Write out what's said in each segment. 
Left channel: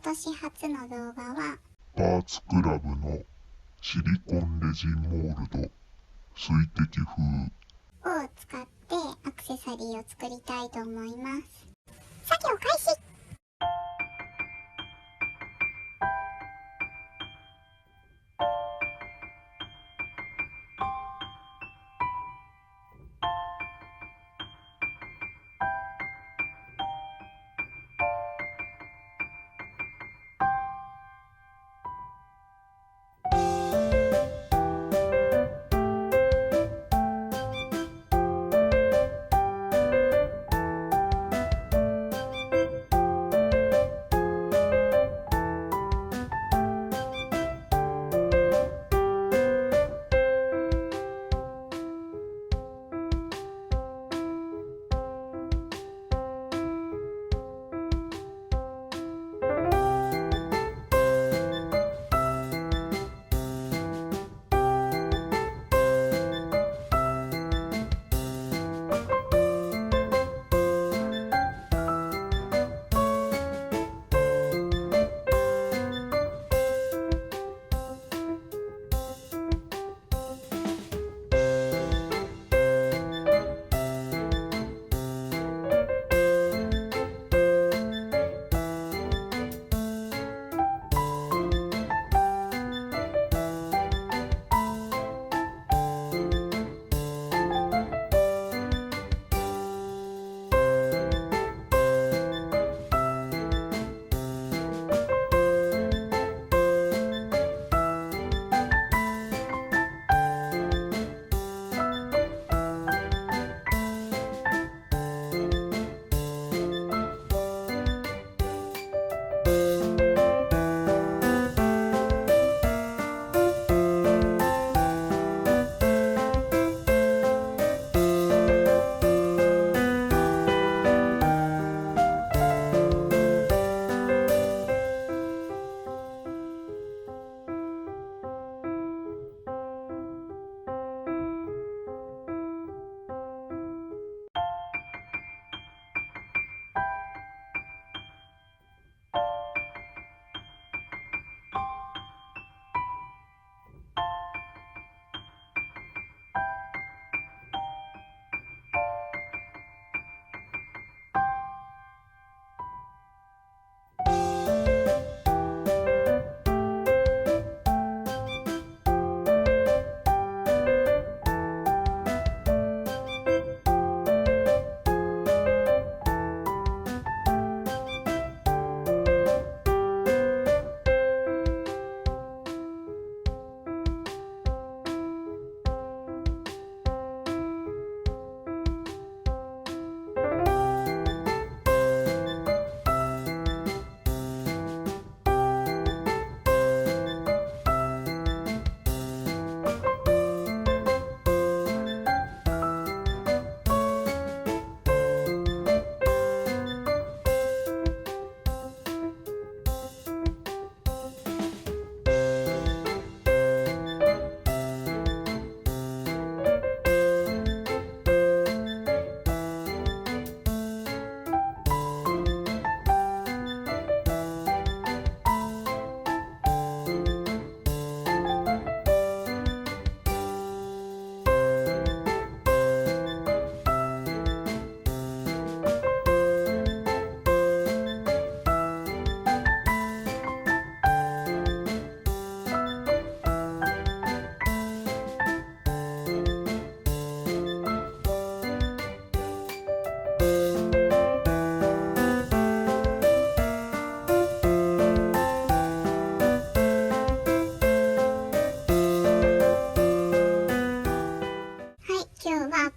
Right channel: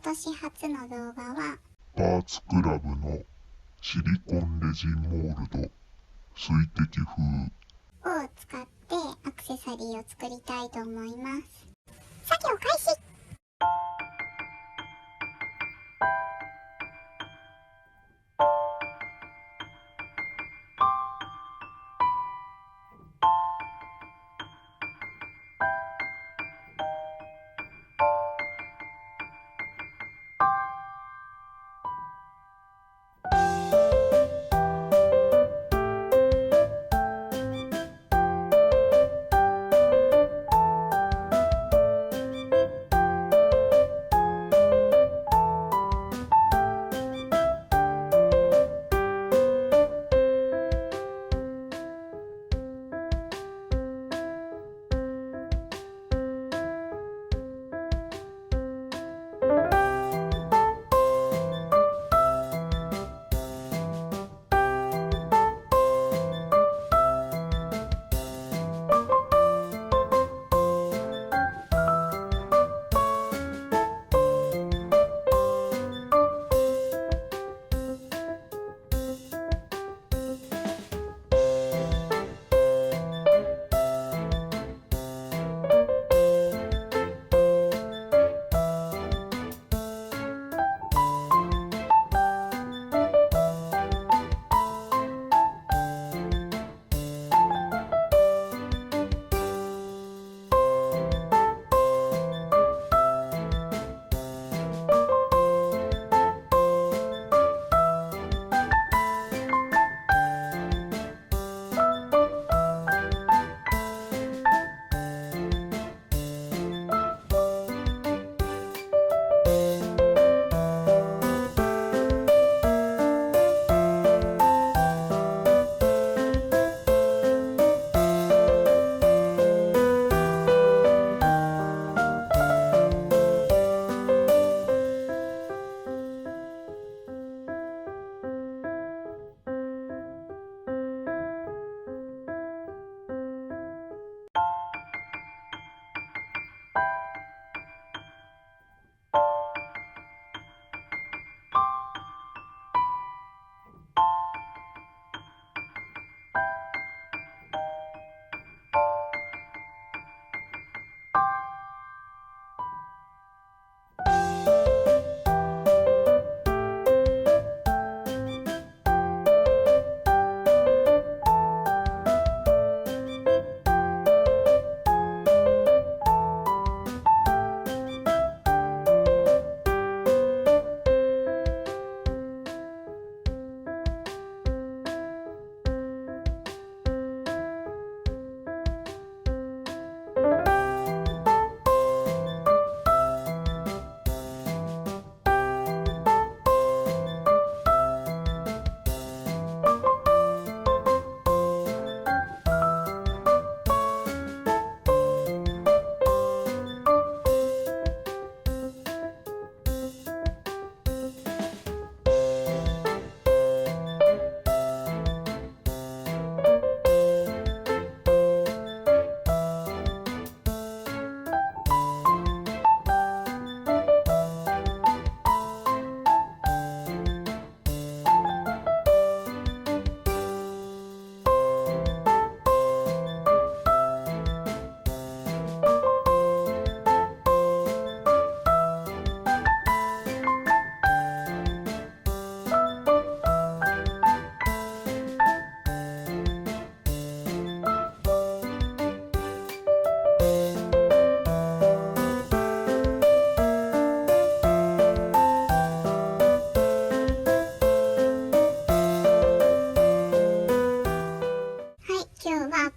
今年初の動画はパーツクラブのシリコンレジンモールド水滴風を使ってアクセサリーを作りたいと思います。作業開始。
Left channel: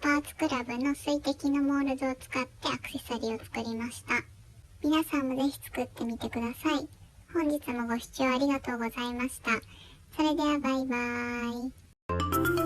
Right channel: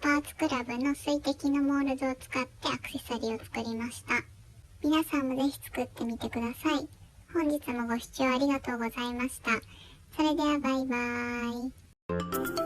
パーツクラブの水滴のモールドを使ってアクセサリーを作りました。皆さんもぜひ作ってみてください。本日もご視聴ありがとうございました。それではバイバーイ。